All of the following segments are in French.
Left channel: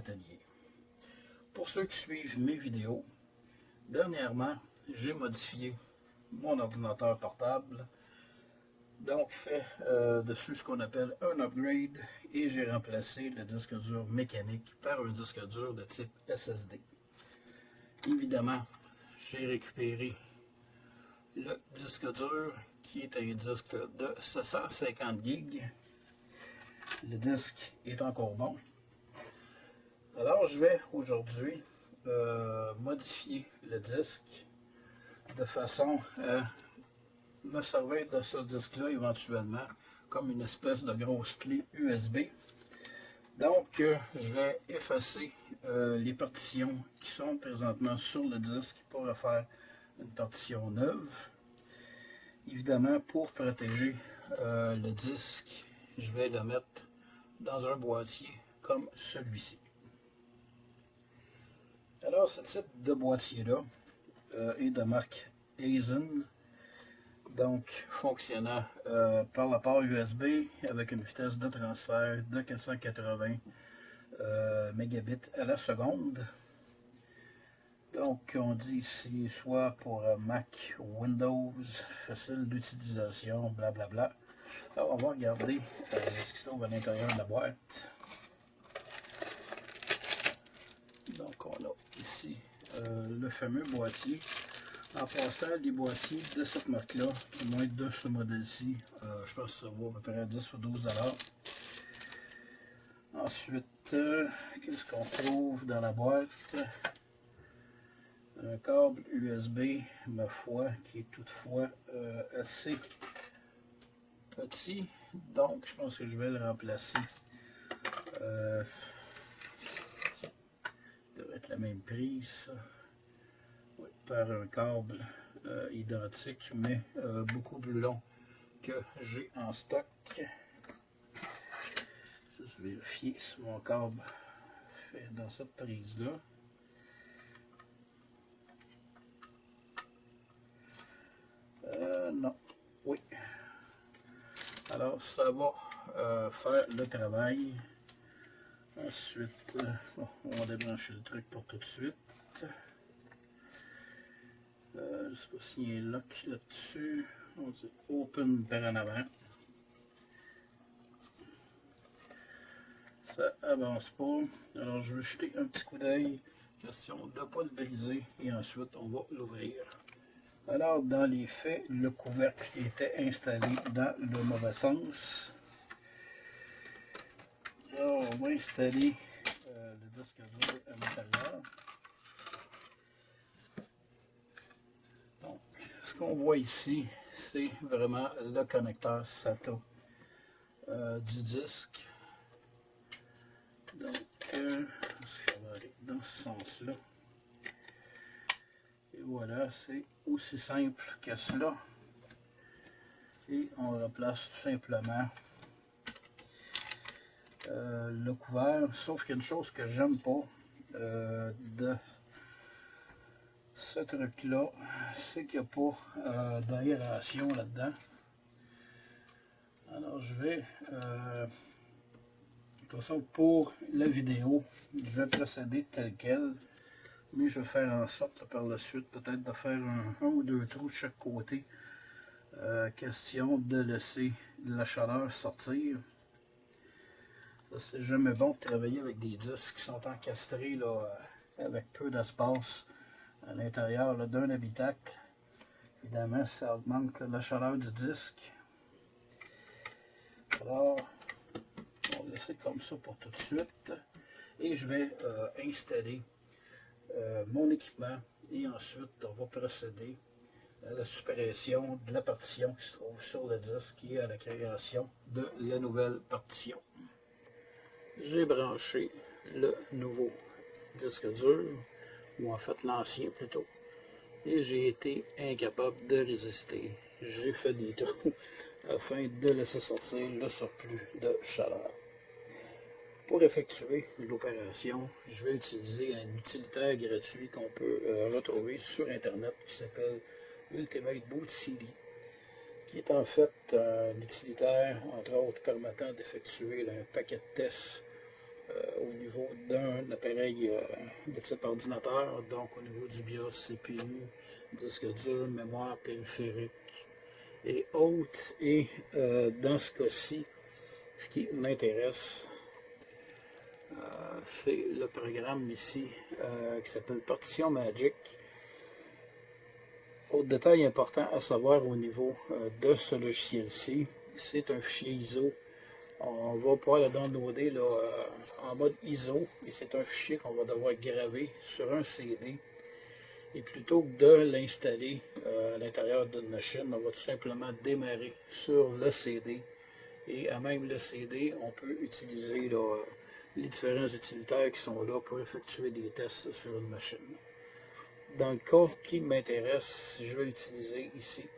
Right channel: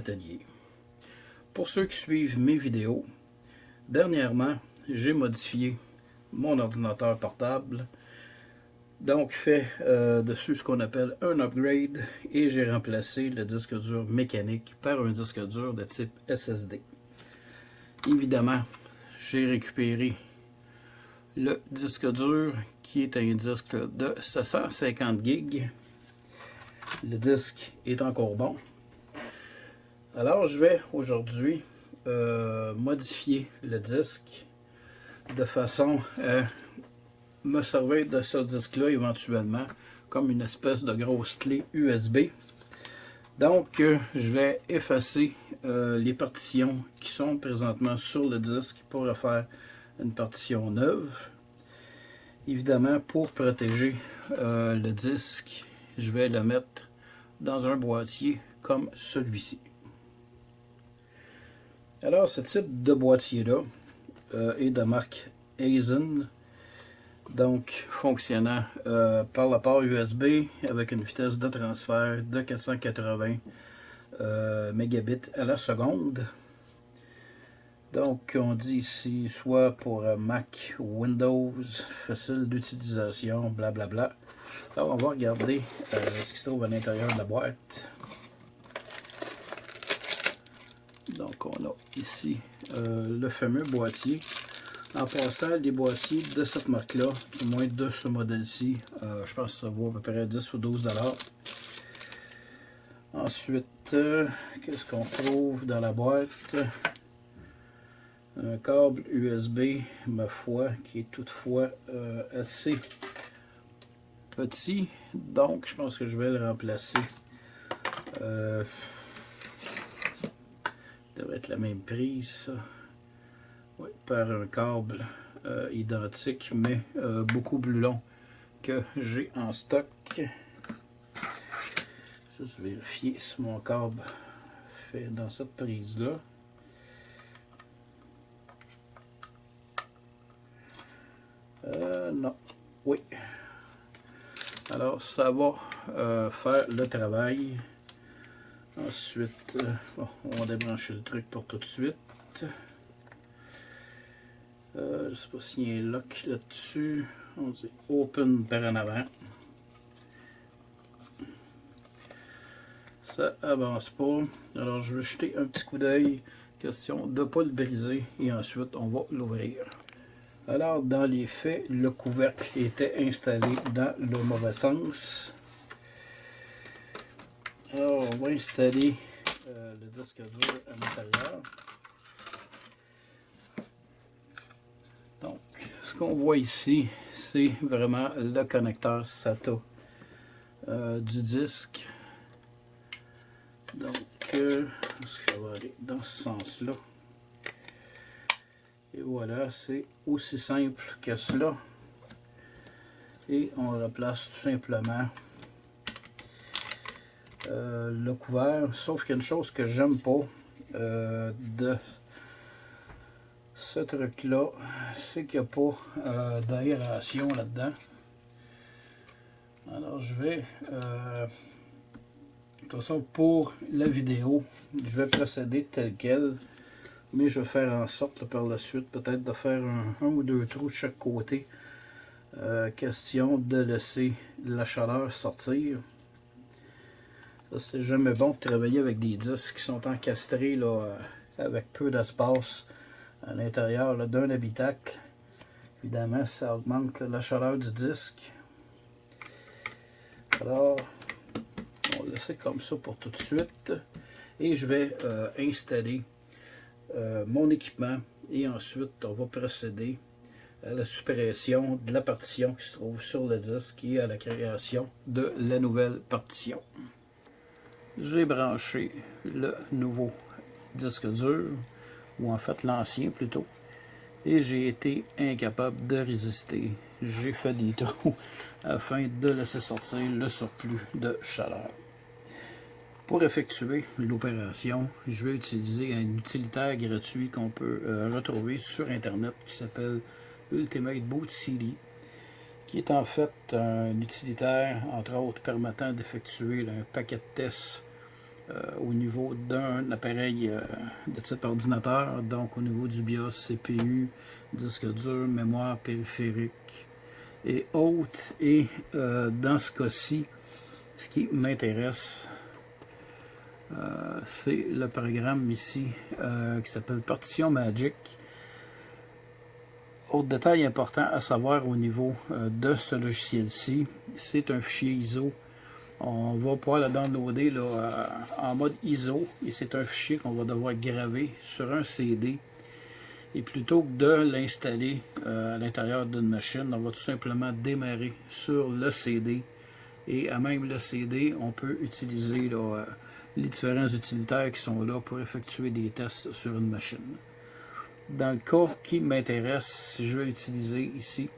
atelier. Pour ceux qui suivent mes vidéos, dernièrement, j'ai modifié mon ordinateur portable. Donc, fait dessus ce qu'on appelle un upgrade et j'ai remplacé le disque dur mécanique par un disque dur de type SSD. Évidemment, j'ai récupéré le disque dur qui est un disque de 750 GB. Le disque est encore bon. Alors, je vais aujourd'hui modifier le disque de façon à me servir de ce disque-là éventuellement comme une espèce de grosse clé USB. Donc, je vais effacer les partitions qui sont présentement sur le disque pour refaire une partition neuve. Évidemment, pour protéger le disque, je vais le mettre dans un boîtier comme celui-ci. Alors, ce type de boîtier-là est de marque Aisin, donc fonctionnant par la port USB avec une vitesse de transfert de 480 mégabits à la seconde. Donc, on dit ici soit pour Mac, Windows, facile d'utilisation, blablabla. Alors, on va regarder ce qui se trouve à l'intérieur de la boîte. Donc, on a ici le fameux boîtier. En passant, les boîtiers de cette marque-là, du moins de ce modèle-ci, je pense que ça vaut à peu près 10 ou 12 $. Ensuite, qu'est-ce qu'on trouve dans la boîte? Un câble USB, ma foi, qui est toutefois assez petit. Donc, je pense que je vais le remplacer. Devrait être la même prise, ça. Oui, par un câble identique, mais beaucoup plus long que j'ai en stock. Juste vérifier si mon câble fait dans cette prise-là. Non. Oui. Alors, ça va faire le travail. Ensuite, bon, on va débrancher le truc pour tout de suite. Je ne sais pas s'il y a un lock là-dessus. On dit open par en avant. Ça avance pas. Alors, je vais jeter un petit coup d'œil. Question de ne pas le briser. Et ensuite, on va l'ouvrir. Alors, dans les faits, le couvercle était installé dans le mauvais sens. Alors, on va installer le disque dur à l'intérieur. Donc, ce qu'on voit ici, c'est vraiment le connecteur SATA du disque. Donc, ça va aller dans ce sens-là. Et voilà, c'est aussi simple que cela. Et on replace tout simplement le couvert. Sauf qu'il y a une chose que j'aime pas de ce truc-là, c'est qu'il n'y a pas d'aération là-dedans. Alors, je vais... de toute façon, pour la vidéo, je vais procéder tel quel. Mais je vais faire en sorte par la suite peut-être de faire un ou deux trous de chaque côté. Question de laisser la chaleur sortir. C'est jamais bon de travailler avec des disques qui sont encastrés là, avec peu d'espace à l'intérieur d'un habitacle. Évidemment, ça augmente la chaleur du disque. Alors, on va laisser comme ça pour tout de suite. Et je vais installer mon équipement et ensuite on va procéder à la suppression de la partition qui se trouve sur le disque et à la création de la nouvelle partition. J'ai branché le nouveau disque dur, ou en fait l'ancien plutôt, et j'ai été incapable de résister. J'ai fait des trous afin de laisser sortir le surplus de chaleur. Pour effectuer l'opération, je vais utiliser un utilitaire gratuit qu'on peut retrouver sur internet qui s'appelle Ultimate Boot CD, qui est en fait un utilitaire, entre autres, permettant d'effectuer un paquet de tests au niveau d'un appareil de type ordinateur, donc au niveau du BIOS, CPU, disque dur, mémoire périphérique et autres. Et dans ce cas-ci, ce qui m'intéresse, c'est le programme ici qui s'appelle Partition Magic. Autre détail important à savoir au niveau de ce logiciel-ci, c'est un fichier ISO. On va pouvoir le downloader là, en mode ISO et c'est un fichier qu'on va devoir graver sur un CD. Et plutôt que de l'installer à l'intérieur d'une machine, on va tout simplement démarrer sur le CD. Et à même le CD, on peut utiliser là, les différents utilitaires qui sont là pour effectuer des tests sur une machine. Dans le cas qui m'intéresse, je vais utiliser ici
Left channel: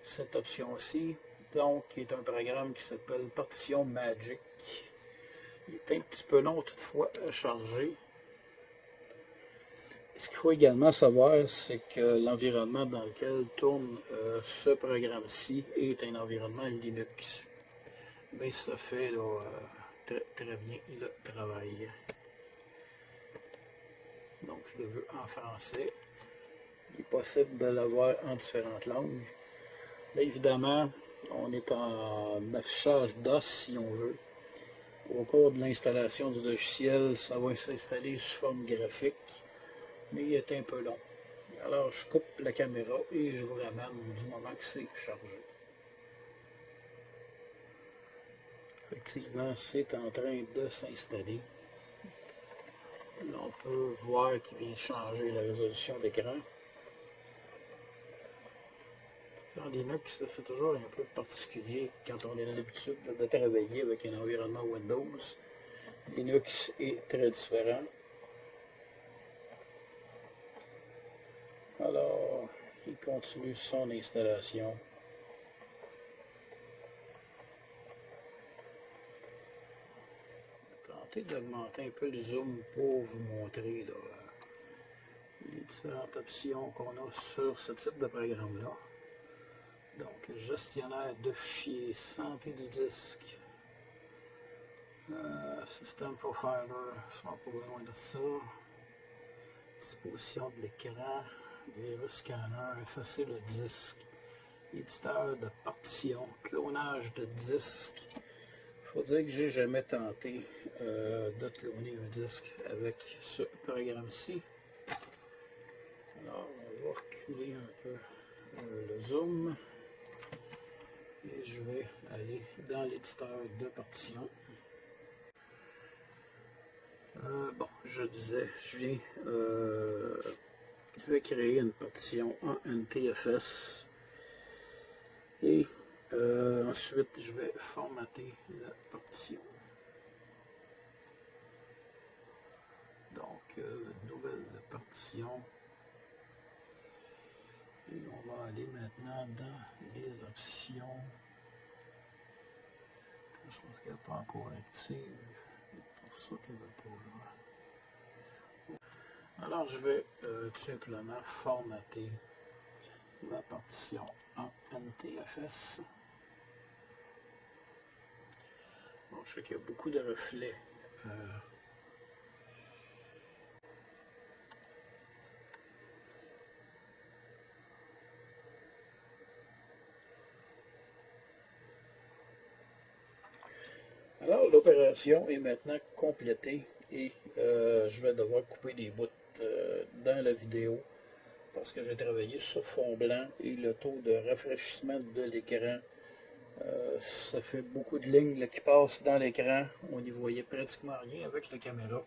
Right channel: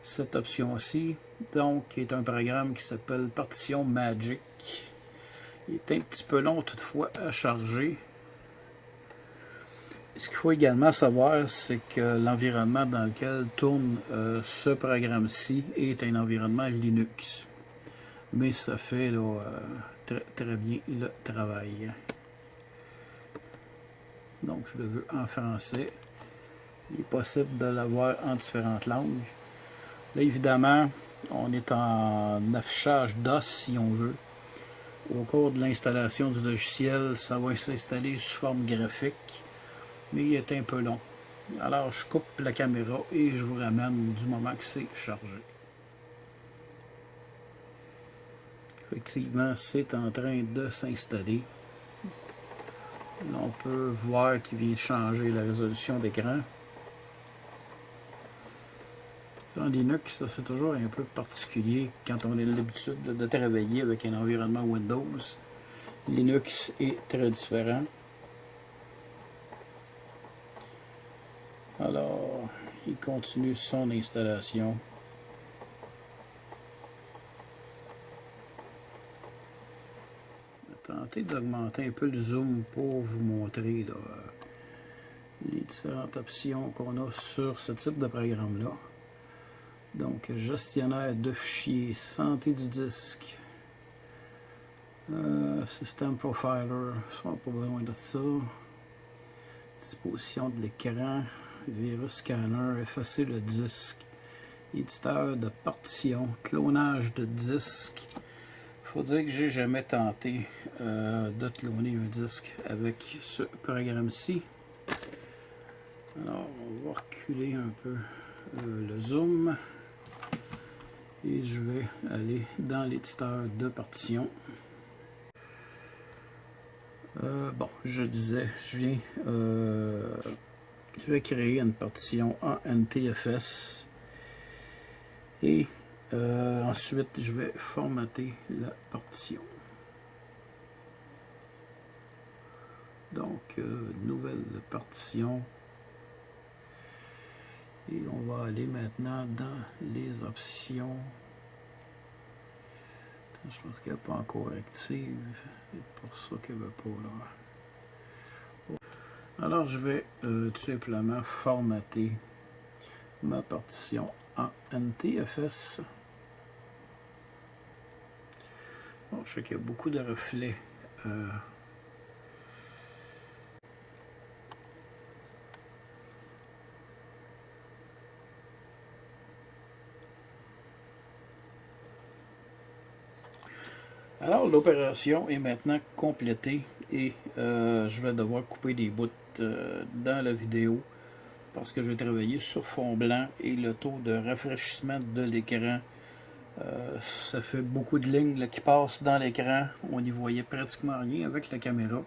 cette option-ci, donc qui est un programme qui s'appelle Partition Magic. Il est un petit peu long toutefois à charger. Ce qu'il faut également savoir, c'est que l'environnement dans lequel tourne ce programme-ci est un environnement Linux. Mais ça fait là, très bien le travail. Donc je le veux en français. Il est possible de l'avoir en différentes langues. Là évidemment, on est en affichage DOS si on veut. Au cours de l'installation du logiciel, ça va s'installer sous forme graphique. Mais il est un peu long. Alors je coupe la caméra et je vous ramène du moment que c'est chargé. Effectivement, c'est en train de s'installer. On peut voir qu'il vient changer la résolution d'écran. En Linux, c'est toujours un peu particulier quand on a l'habitude de travailler avec un environnement Windows. Linux est très différent. Alors, il continue son installation. Je vais tenter d'augmenter un peu le zoom pour vous montrer là, les différentes options qu'on a sur ce type de programme-là. Donc, gestionnaire de fichiers, santé du disque, System Profiler, ça n'a pas besoin de ça. Disposition de l'écran, virus scanner, effacer le disque, éditeur de partition, clonage de disque. Il faut dire que j'ai jamais tenté de cloner un disque avec ce programme-ci. Alors, on va reculer un peu le zoom. Et je vais aller dans l'éditeur de partition. Bon, je disais, je vais créer une partition en NTFS. Et ensuite, je vais formater la partition. Donc, nouvelle partition. Et on va aller maintenant dans les options. Je pense qu'elle n'est pas encore active. C'est pour ça qu'elle ne veut pas là. Alors je vais tout simplement formater ma partition en NTFS. Bon, je sais qu'il y a beaucoup de reflets. Alors l'opération est maintenant complétée et je vais devoir couper des bouts dans la vidéo parce que je vais travailler sur fond blanc et le taux de rafraîchissement de l'écran, ça fait beaucoup de lignes là, qui passent dans l'écran. On n'y voyait pratiquement rien avec la caméra.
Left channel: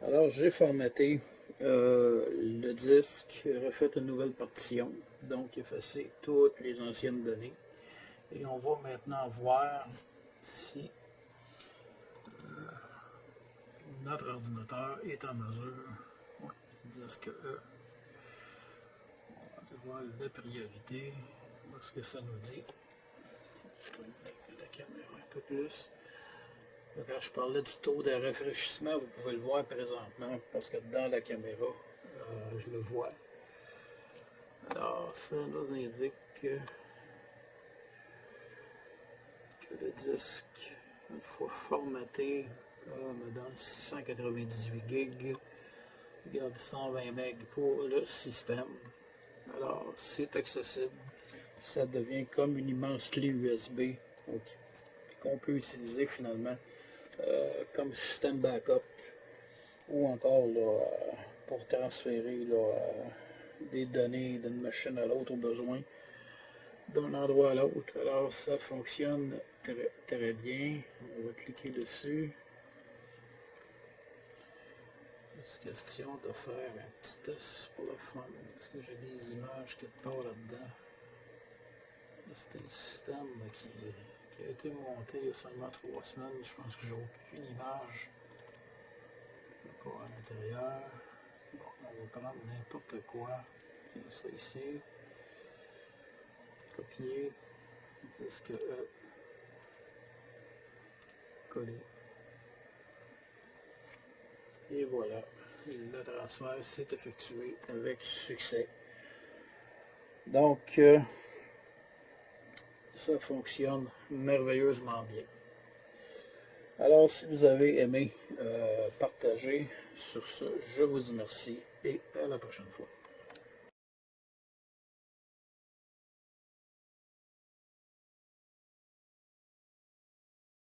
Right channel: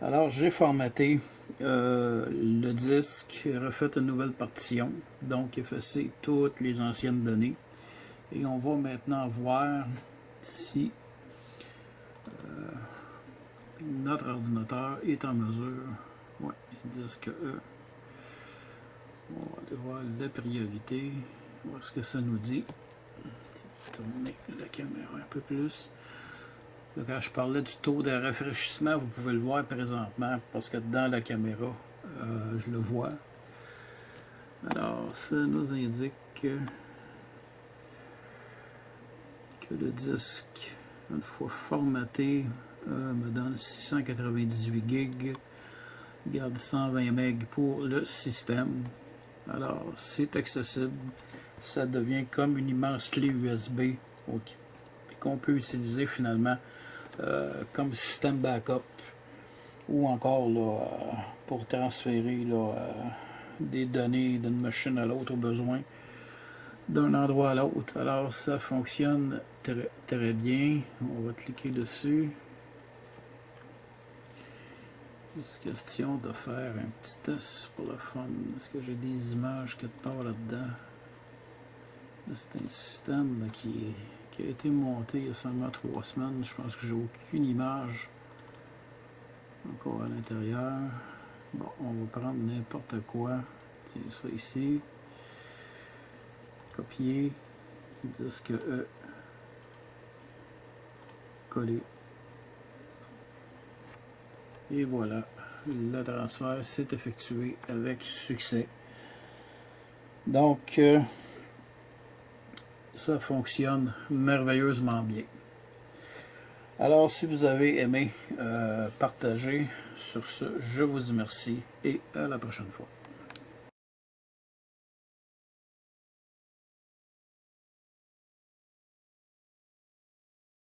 Alors j'ai formaté le disque, refait une nouvelle partition, donc effacé toutes les anciennes données. Et on va maintenant voir si notre ordinateur est en mesure, ouais, disque E. On va aller voir la priorité, voir ce que ça nous dit. Tourner la caméra un peu plus. Quand je parlais du taux de rafraîchissement, vous pouvez le voir présentement parce que dans la caméra, je le vois. Alors, ça nous indique que que le disque, une fois formaté, me donne 698 gigs. Garde 120 MB pour le système. Alors, c'est accessible. Ça devient comme une immense clé USB qu'on peut utiliser finalement comme système backup ou encore là, pour transférer là, des données d'une machine à l'autre au besoin, d'un endroit à l'autre. Alors, ça fonctionne très bien. On va cliquer dessus. Juste question de faire un petit test pour le fun. Est-ce que j'ai des images quelque part là-dedans? C'est un système qui a été monté il y a seulement 3 semaines. Je pense que j'ai aucune image encore à l'intérieur. Bon, on va prendre n'importe quoi. C'est ça ici. Copier. Disque E. Coller. Et voilà. Le transfert s'est effectué avec succès. Donc, ça fonctionne merveilleusement bien. Alors, si vous avez aimé, partagez. Sur ce, je vous dis merci et à la prochaine fois.